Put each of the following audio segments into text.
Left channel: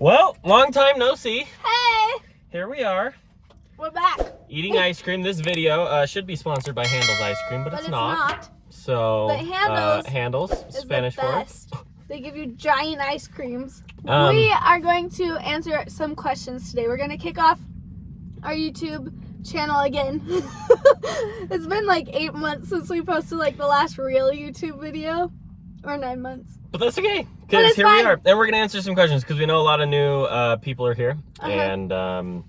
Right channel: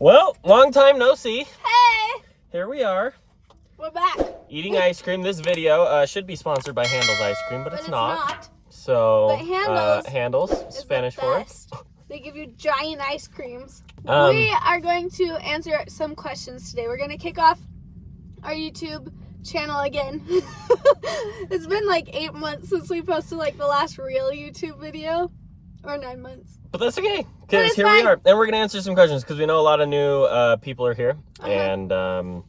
Well, long time no see. Hey! Here we are. We're back. Eating ice cream. This video should be sponsored by Handel's Ice Cream, but it's not. So, But Handel's, Spanish for it. They give you giant ice creams. We are going to answer some questions today. We're going to kick off our YouTube channel again. It's been like 8 months since we posted like the last real YouTube video. Or 9 months. But that's okay, because here we are. And we're going to answer some questions, because we know a lot of new people are here. And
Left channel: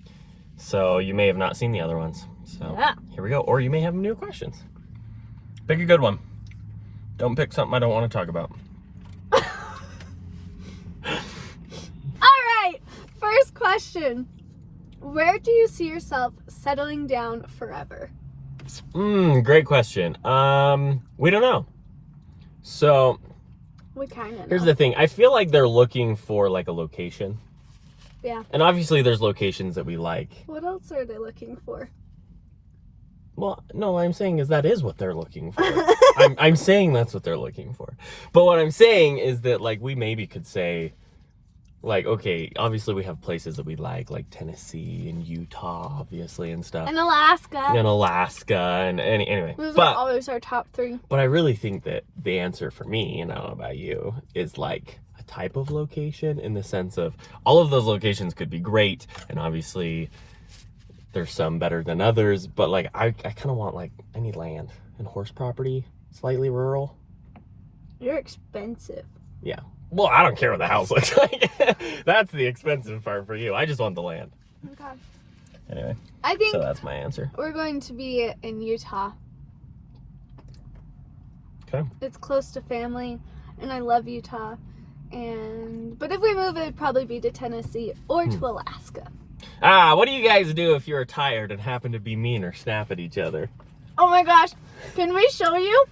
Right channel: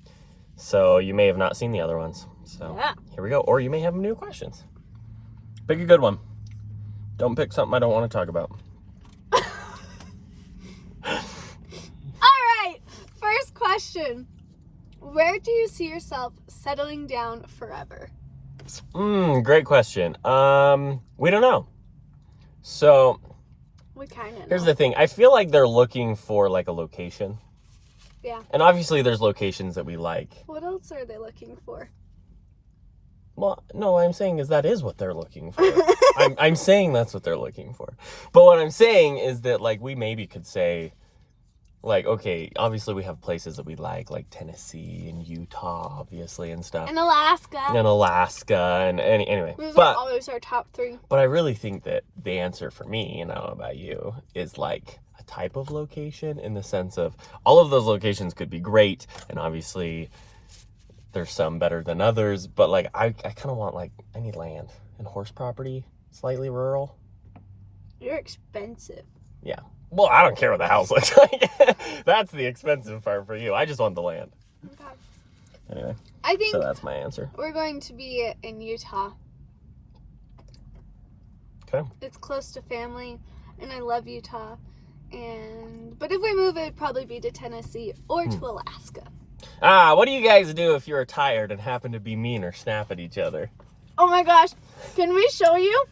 so you may have not seen the other ones. So here we go. Or you may have new questions. Pick a good one. Don't pick something I don't want to talk about. Alright, first question. Where do you see yourself settling down forever? Great question. We don't know. So, we kind of know. Here's the thing. I feel like they're looking for like a location. Yeah. And obviously there's locations that we like. What else are they looking for? Well, no, what I'm saying is that is what they're looking for. I'm saying that's what they're looking for. But what I'm saying is that like we maybe could say like, okay, obviously we have places that we like Tennessee and Utah, obviously, and stuff. And Alaska. And anyway. Those are always our top 3. But I really think that the answer for me, and I don't know about you, is like a type of location, in the sense of all of those locations could be great, and obviously there's some better than others, but like I kind of want like any land and horse property, slightly rural. You're expensive. Yeah. Well, I don't care what the house looks like. That's the expensive part for you. I just want the land. Okay. Anyway. I think so that's my answer. We're going to be in Utah. Okay. It's close to family, and I love Utah. But if we move, it'd probably be to Tennessee or to Alaska. What do you guys do if you're tired and happen to be mean or snap at each other? Oh my gosh. Can we show you?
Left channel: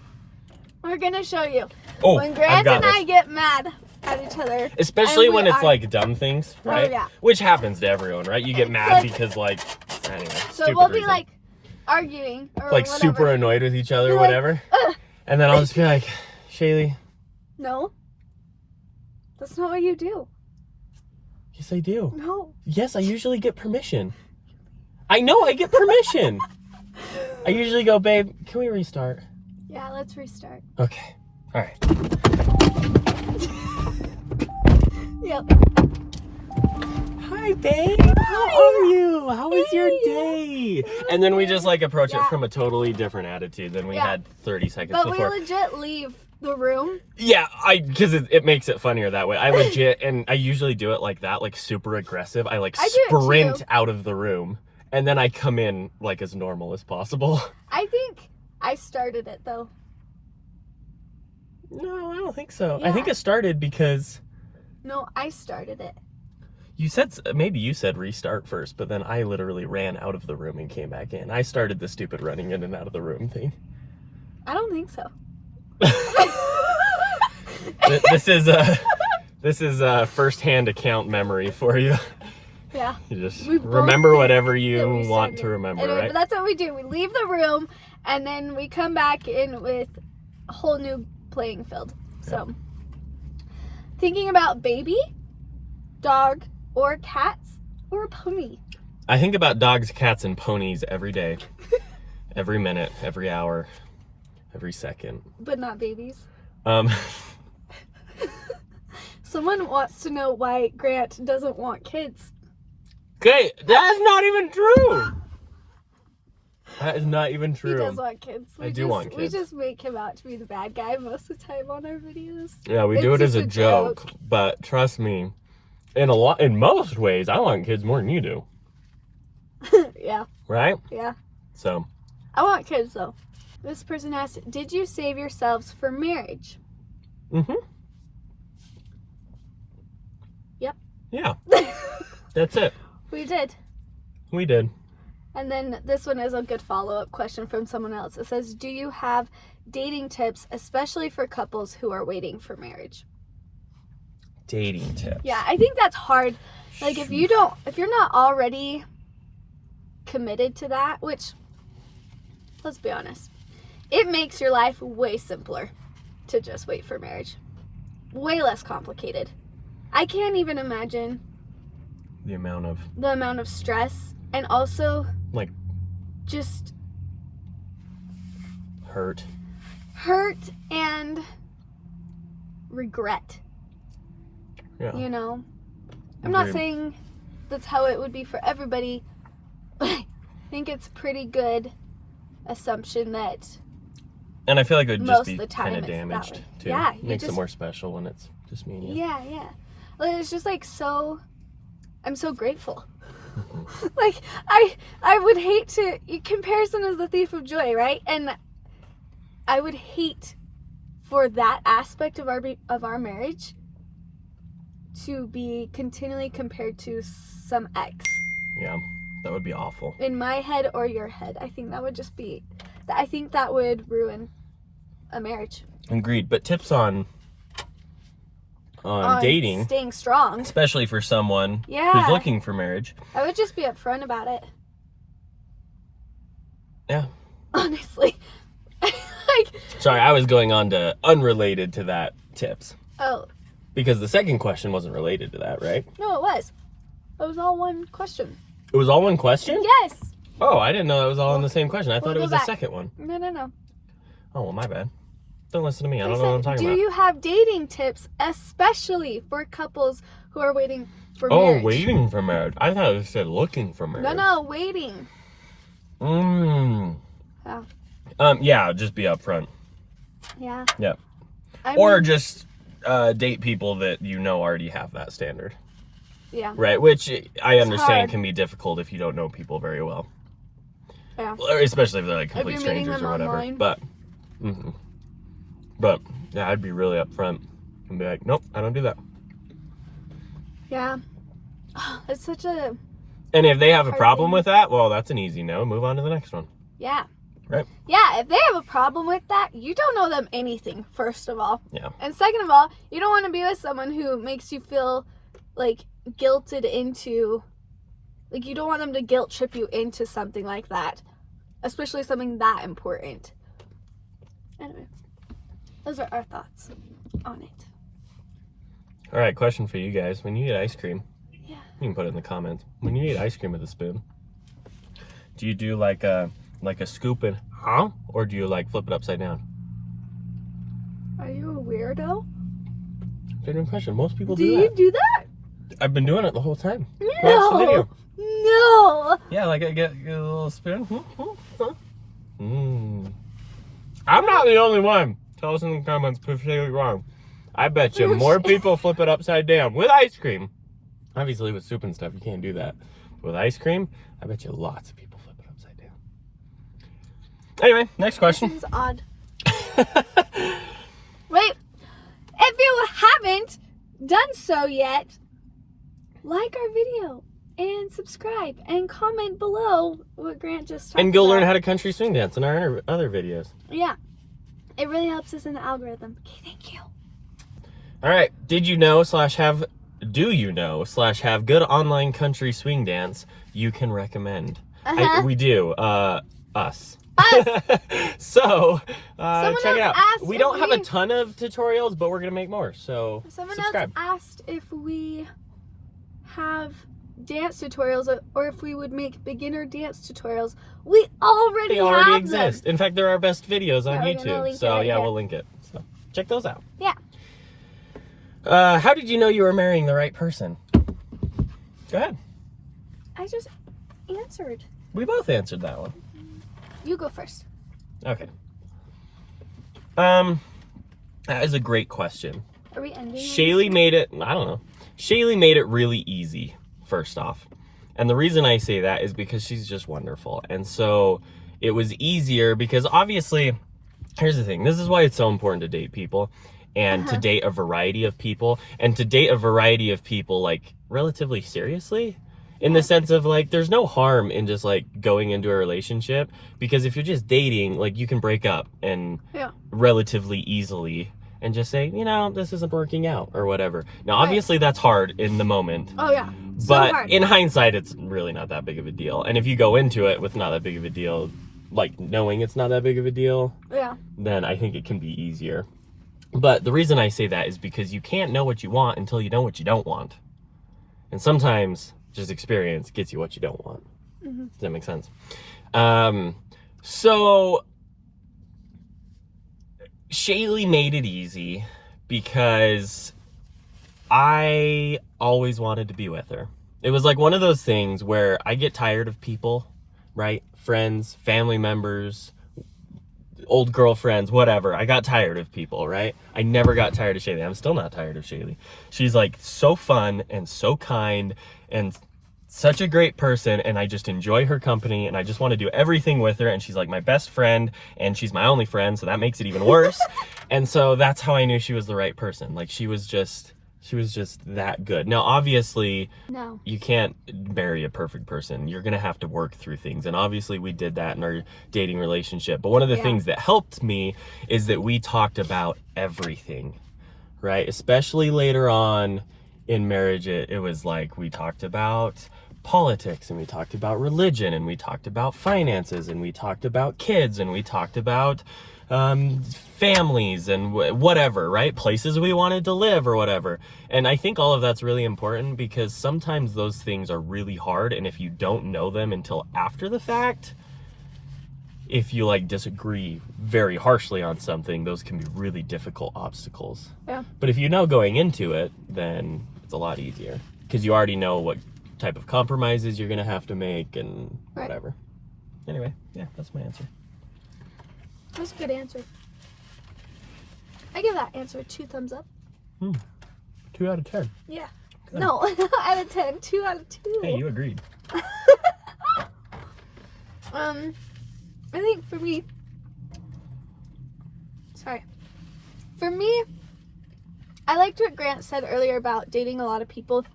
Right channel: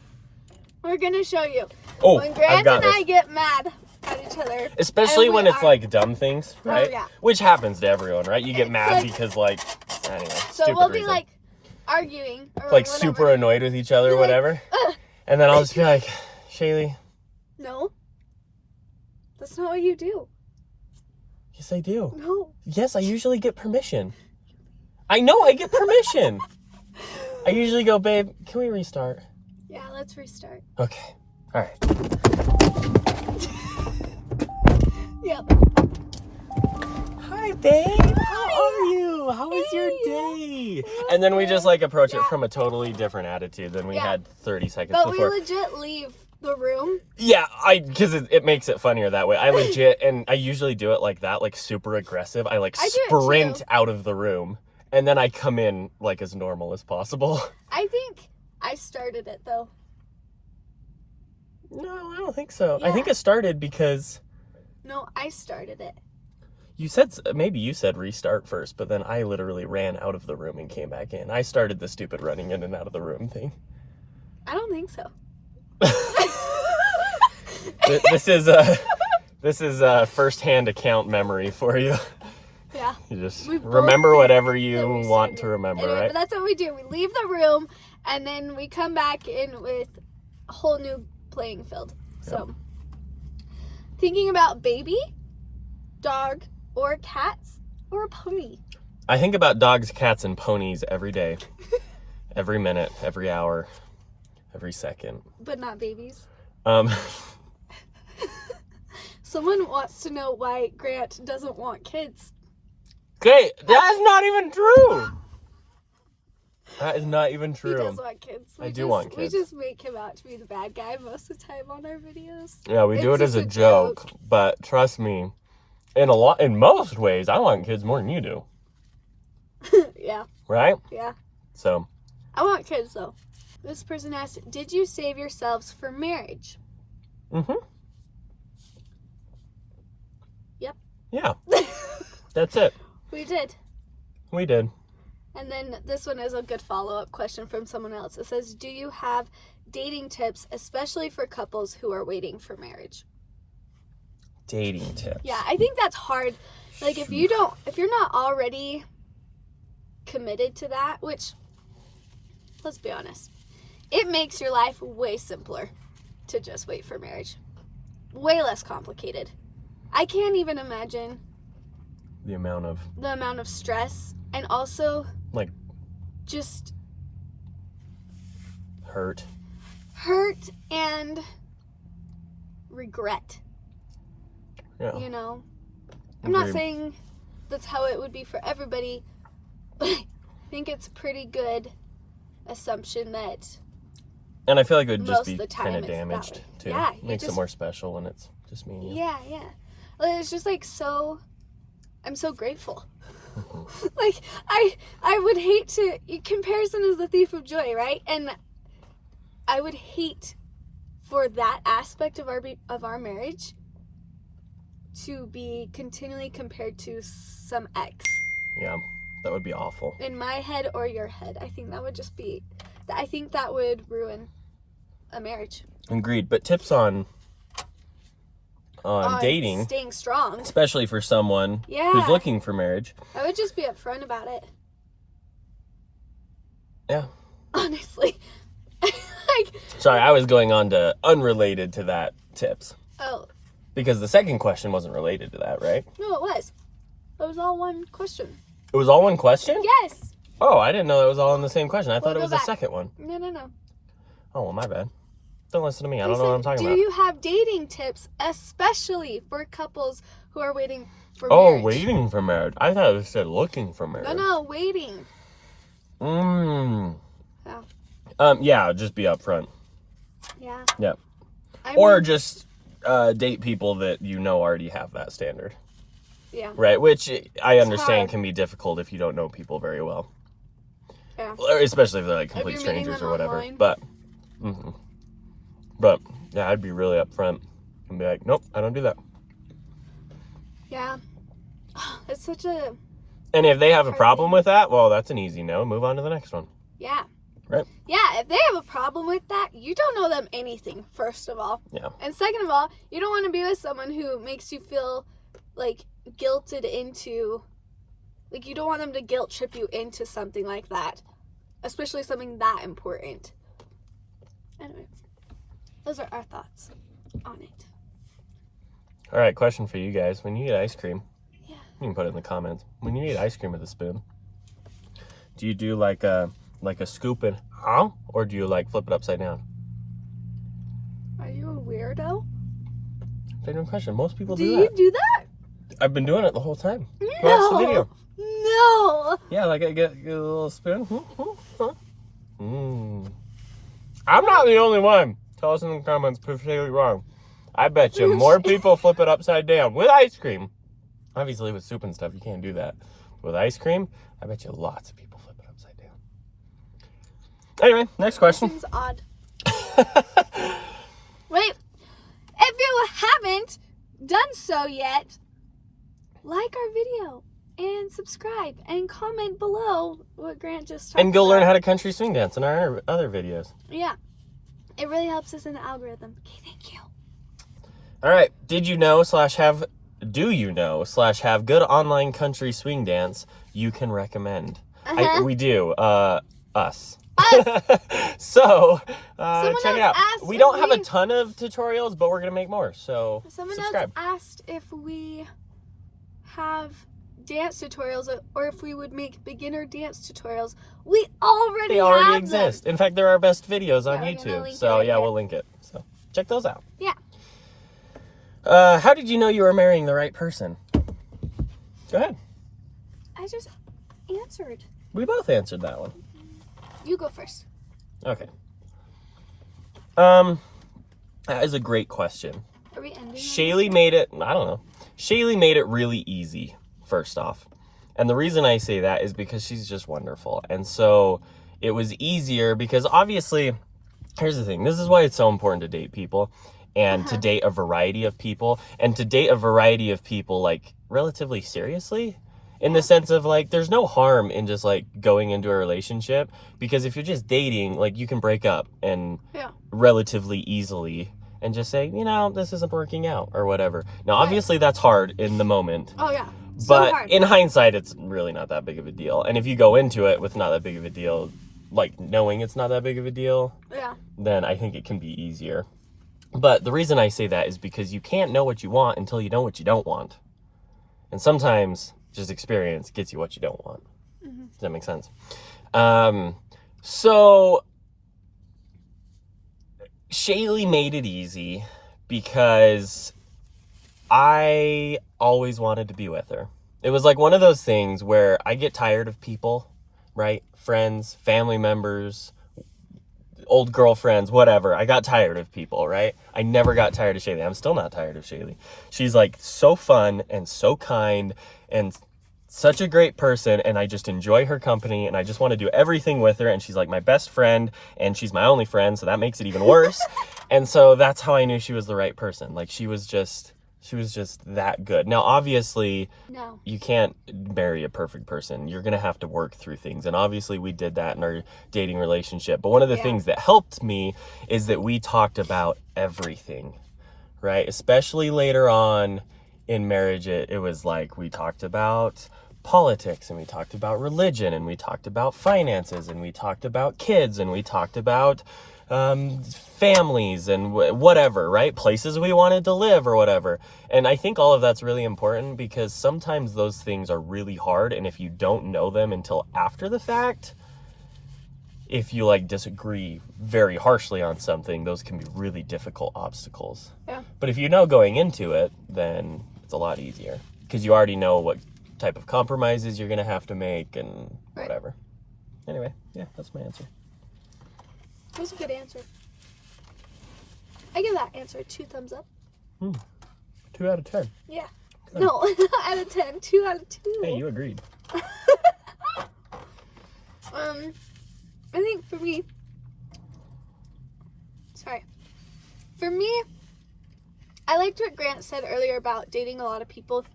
We're going to show you. Oh, when Grant and I get mad at each other. Especially when it's like dumb things, right? Oh, yeah. Which happens to everyone, right? You get mad because like, anyway. So we'll be like arguing or like whatever. super annoyed with each other or whatever. And then I'll just be like, Shaylee. No. That's not what you do. Yes, I do. No. Yes, I usually get permission. I know, I get permission. I usually go, babe, can we restart? Yeah, let's restart. Okay. All right. Yep. Hi, babe. How are you? How was your day? And then we just like approach it from a totally different attitude than we had 30 seconds before. But we legit leave the room. Yeah, because it makes it funnier that way. I legit, and I usually do it like that, like super aggressive. I like sprint out of the room, and then I come in like as normal as possible. I think I started it though. No, I don't think so. Yeah. I think it started because... No, I started it. You said, maybe you said restart first, but then I literally ran out of the room and came back in. I started the stupid running in and out of the room thing. I don't think so. This is a first-hand account memory for you. Yeah. You just remember whatever you want to remember, anyway, right? But that's what we do. We leave the room, and then we come back in with a whole new playing field. Yeah. So, thinking about baby, dog, or cats, or a pony? I think about dogs, cats, and ponies every day. Every minute, every hour, every second. But not babies. Someone wants to know why Grant doesn't want kids. Okay, that's not even true. That is not even true. He does want kids. I do want kids. We just make him out to be the bad guy most of the time on our videos. Yeah, we do it as a joke. But trust me, in most ways, I want kids more than you do. Yeah. Right? Yeah. So. I want kids though. This person asked, did you save yourselves for marriage? Mm-hmm. Yep. Yeah. That's it. We did. We did. And then this one is a good follow-up question from someone else. It says, do you have dating tips, especially for couples who are waiting for marriage? Dating tips. Yeah, I think that's hard. Like if you're not already committed to that, which, let's be honest, it makes your life way simpler to just wait for marriage. Way less complicated. I can't even imagine The amount of stress, and also like just hurt and regret. Yeah. You know, I'm not Agreed. saying that's how it would be for everybody, but I think it's pretty good assumption that And I feel like it would just most be of the time kind of it's that damaged way. too. Yeah, Makes it more special when it's just me and you. Yeah. Like, it's just like I'm so grateful. Like I would hate to. Comparison is the thief of joy, right? And I would hate for that aspect of our marriage to be continually compared to some ex. Yeah, that would be awful. In my head or your head. I think that would just be. I think that would ruin a marriage. Agreed. But tips on dating, staying strong, especially for someone Yeah. who's looking for marriage. I would just be upfront about it. Yeah. Honestly. Sorry, I was going on to unrelated to that tips. Oh. Because the second question wasn't related to that, right? No, it was. It was all one question. It was all one question? Yes. Oh, I didn't know that was all in the same question. I thought it was the second one. No. Oh, well, my bad. Don't listen to me. I don't know what I'm talking Do about. you have dating tips, especially for couples who are waiting for Oh, marriage? waiting for marriage. I thought it said looking for marriage. No, waiting. Yeah, just be upfront. Yeah. Yeah. I Or mean, just date people that you know already have that standard. Yeah. Right, which I understand hard. can be difficult if you don't know people very well. Yeah. Especially if they're like complete If you're meeting strangers them or whatever. online. But yeah, I'd be really upfront and be like, nope, I don't do that. Yeah. It's such a... And if they have a Hard problem thing. with that, well, that's an easy no. Move on to the next one. Yeah. Right. Yeah, if they have a problem with that, you don't know them anything, first of all. Yeah. And second of all, you don't want to be with someone who makes you feel like guilted into, like you don't want them to guilt trip you into something like that, especially something that important. Anyway, those are our thoughts on it. All right, question for you guys. When you eat ice cream, Yeah. you can put it in the comments. When you eat ice cream with a spoon, do you do like a scoop and or do you like flip it upside down? Are you a weirdo? Good question. Most people Do do you that. do that? I've been doing it the whole time. Watch the No. video. No. Yeah, like I get a little spoon. I'm not the only one. Tell us in the comments if you're wrong. I bet you more people flip it upside down with ice cream. Obviously, with soup and stuff, you can't do that. With ice cream, I bet you lots of people flip it upside down. Anyway, next question. Seems odd. Wait, if you haven't done so yet, like our video and subscribe and comment below what Grant just talked And go about. learn how to country swing dance in our other videos. Yeah, it really helps us in the algorithm. Okay, thank you. All right. Do you know / have good online country swing dance you can recommend? We do. Us. So, Someone check it else out. asked We if don't have a we- ton of tutorials, but we're going to make more. So, Someone subscribe. else asked if we have dance tutorials or if we would make beginner dance tutorials. We already They already have exist. them. In fact, they're our best videos on Yeah, we're gonna YouTube. link it So, right yeah, here. we'll link it. So, check those out. Yeah. How did you know you were marrying the right person? Go ahead. I just answered. We both answered that one. You go first. Okay. That is a great question. Are we ending? Shaylee made it, I don't know. Shaylee made it really easy, first off. And the reason I say that is because she's just wonderful. And so it was easier because obviously, here's the thing. This is why it's so important to date people and to date a variety of people and to date a variety of people like relatively seriously. In the sense of like, there's no harm in just like going into a relationship because if you're just dating, like you can break up and relatively easily and just say, you know, this isn't working out or whatever. Now, obviously that's hard in the moment. Oh yeah. But so hard. in hindsight, it's really not that big of a deal. And if you go into it with not that big of a deal, like knowing it's not that big of a deal, then I think it can be easier. But the reason I say that is because you can't know what you want until you know what you don't want. And sometimes just experience gets you what you don't want. Mm-hmm. Does that make sense? So Shaylee made it easy because I always wanted to be with her. It was like one of those things where I get tired of people, right? Friends, family members, old girlfriends, whatever. I got tired of people, right? I never got tired of Shaylee. I'm still not tired of Shaylee. She's like so fun and so kind and such a great person, and I just enjoy her company, and I just want to do everything with her, and she's like my best friend, and she's my only friend, so that makes it even worse. And so that's how I knew she was the right person. Like she was just that good. Now obviously No. you can't marry a perfect person. You're gonna have to work through things, and obviously we did that in our dating relationship. But one of the things that helped me is that we talked about everything, right? Especially later on in marriage, it was like we talked about politics, and we talked about religion, and we talked about finances, and we talked about kids, and we talked about families and whatever, right? Places we wanted to live or whatever. And I think all of that's really important because sometimes those things are really hard, and if you don't know them until after the fact, if you like disagree very harshly on something, those can be really difficult obstacles. Yeah. But if you know going into it, then it's a lot easier because you already know what type of compromises you're gonna have to make and whatever. Anyway, yeah, that's my answer. That's a good answer. I give that answer 2 thumbs up. 2 out of 10. Yeah. No, out of 10. 2 out of 2. Hey, you agreed. I think for me, I liked what Grant said earlier about dating a lot of people,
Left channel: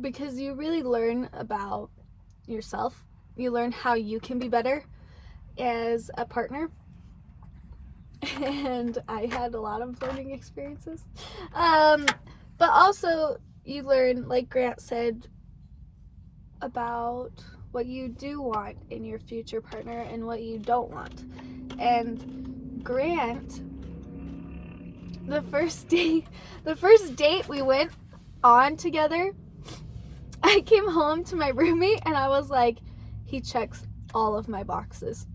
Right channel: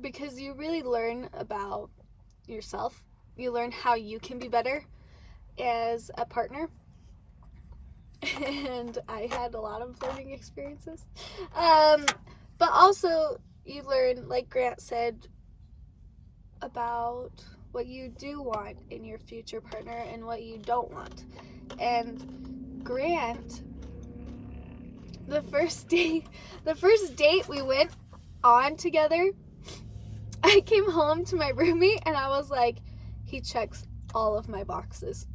because you really learn about yourself. You learn how you can be better as a partner. And I had a lot of learning experiences. But also you learn, like Grant said, about what you do want in your future partner and what you don't want. And Grant, the first date we went on together, I came home to my roommate and I was like, he checks all of my boxes.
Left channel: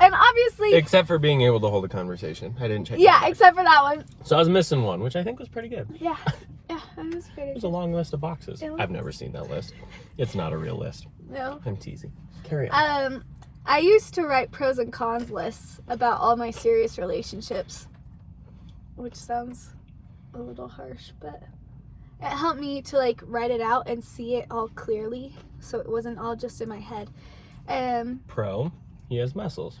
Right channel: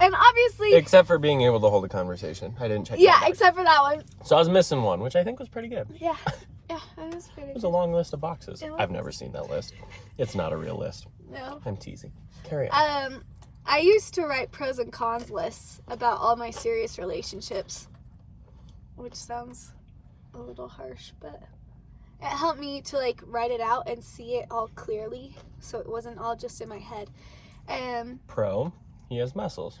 And obviously, except for being able to hold a conversation. I didn't check yeah, except for that one. So I was missing one, which I think was pretty good. Yeah, it was pretty It was good. a long list of boxes. It was. I've never seen that list. It's not a real list. No. I'm teasing. Carry on. I used to write pros and cons lists about all my serious relationships, which sounds a little harsh, but it helped me to like write it out and see it all clearly, so it wasn't all just in my head. Pro, he has muscles.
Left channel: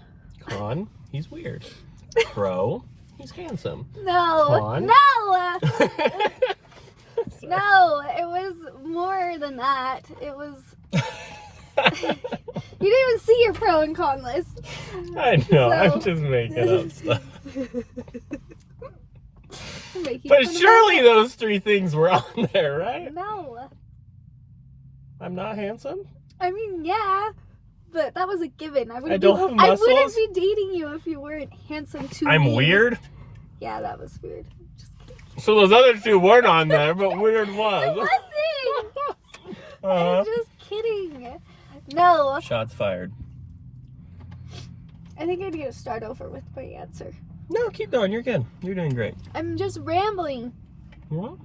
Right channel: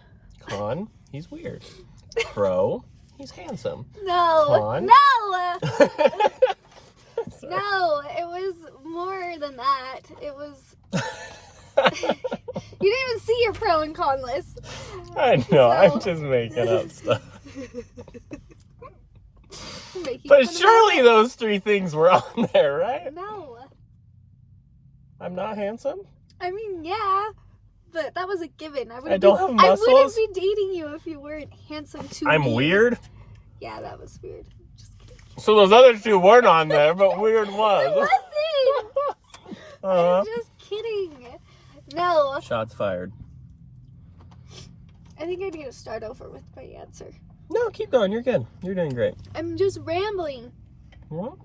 Con, he's weird. Pro, he's handsome. No, Con. no, no, it was more than that. It was. You didn't even see your pro and con list. I know, I'm just making up stuff. But surely those 3 things were on there, right? No. I'm not handsome? I mean, yeah, but that was a given. I wouldn't don't have muscles? I wouldn't be dating you if you weren't handsome to me. I'm weird? Yeah, that was weird. Just kidding. So those other 2 weren't on there, but weird was. I wasn't. I'm just kidding. No. Shots fired. I think I need to start over with my answer. No, keep going. You're good. You're doing great. I'm just rambling. Well,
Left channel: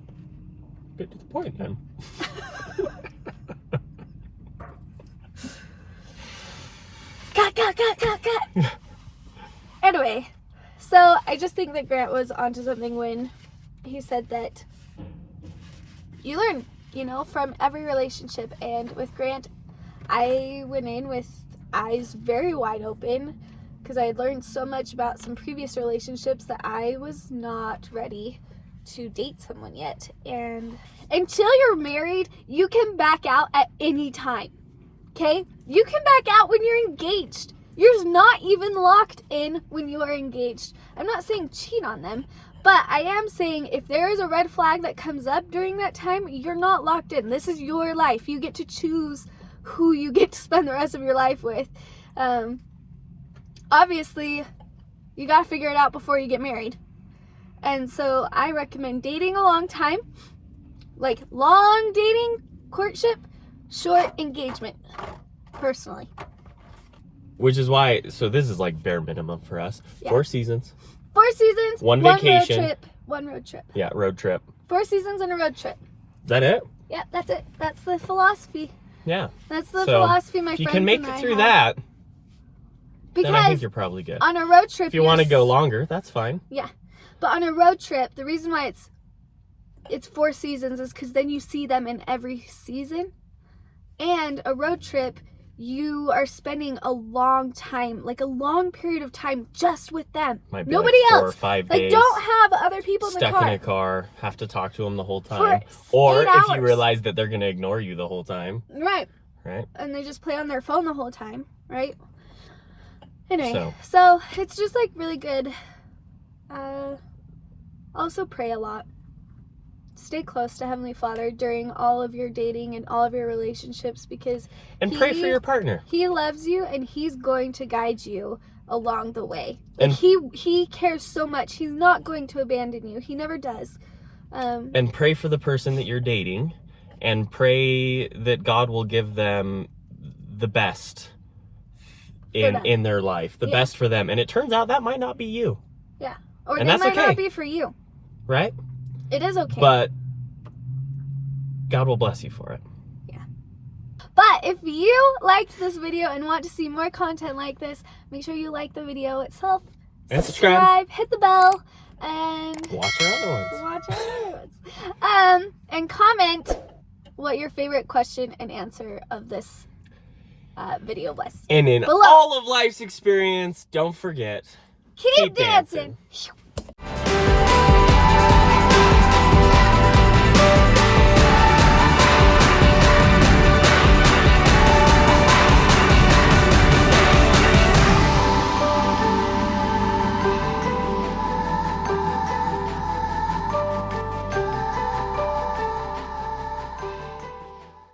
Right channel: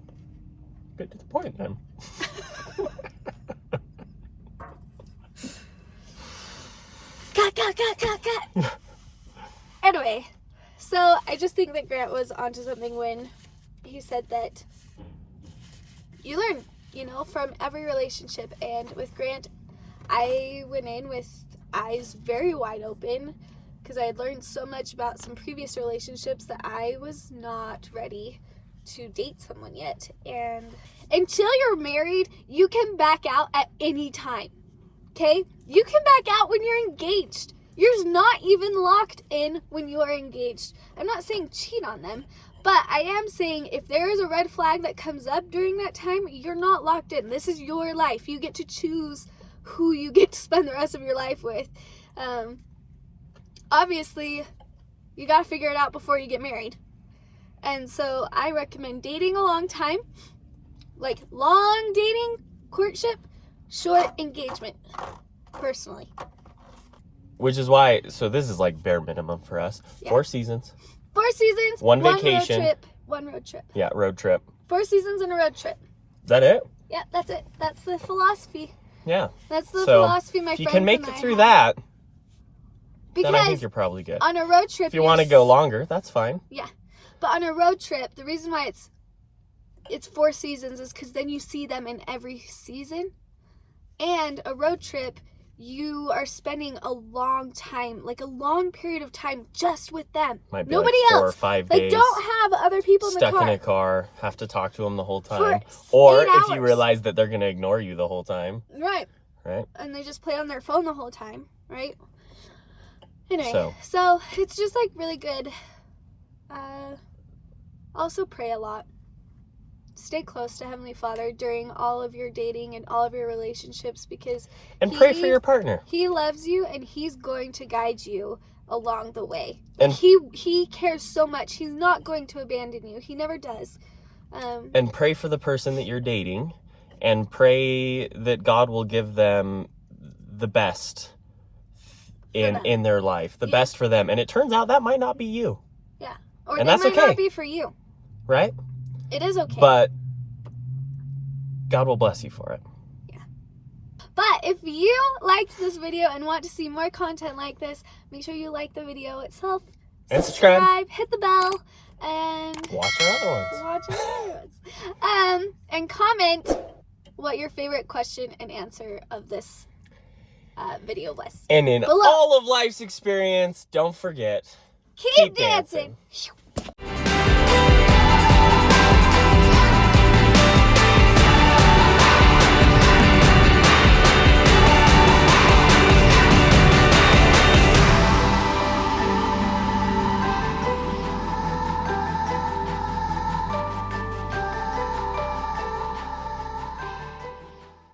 get to the point then. Cut. Anyway, so I just think that Grant was onto something when he said that you learn, from every relationship. And with Grant, I went in with eyes very wide open because I had learned so much about some previous relationships that I was not ready to date someone yet. And until you're married, you can back out at any time. Okay? You can back out when you're engaged. You're not even locked in when you are engaged. I'm not saying cheat on them, but I am saying if there is a red flag that comes up during that time, you're not locked in. This is your life. You get to choose who you get to spend the rest of your life with. Obviously, you got to figure it out before you get married. And so I recommend dating a long time, like long dating, courtship, short engagement, personally. Which is why, so this is like bare minimum for us. Yeah. 4 seasons. 4 seasons, One vacation. one road trip. Yeah, road trip. 4 seasons and a road trip. Is that it? Yeah, that's it. That's the philosophy. Yeah. That's the philosophy my if you friends can make and it I through have. that, then I think Because you're probably good. on a road trip, If you want to go longer, that's fine. Yeah, but on a road trip, the reason why it's 4 seasons is because then you see them in every season. And a road trip, you are spending a long time, like a long period of time just with them. Might be Nobody like 4 else. or 5 Like, days. don't have other people in the Stuck car. in a car, have to talk to them the whole For time. Or 8 if you hours. realize that they're going to ignore you the whole time. Right. Right? And they just play on their phone the whole time, right? Anyway, So so it's just like really good. Also pray a lot. Stay close to Heavenly Father during all of your dating and all of your relationships, because and pray for your partner. He loves you and He's going to guide you along the way. And he cares so much. He's not going to abandon you. He never does. And pray for the person that you're dating, and pray that God will give them the best in their life, the best for them. And it turns out that might not be you. Yeah. Or and they that's might okay. not be for you. Right? It is okay. But God will bless you for it. Yeah. But if you liked this video and want to see more content like this, make sure you like the video itself. And subscribe. Hit the bell. And watch our other ones. And comment what your favorite question and answer of this video was. And in below. all of life's experience, don't forget, Keep dancing.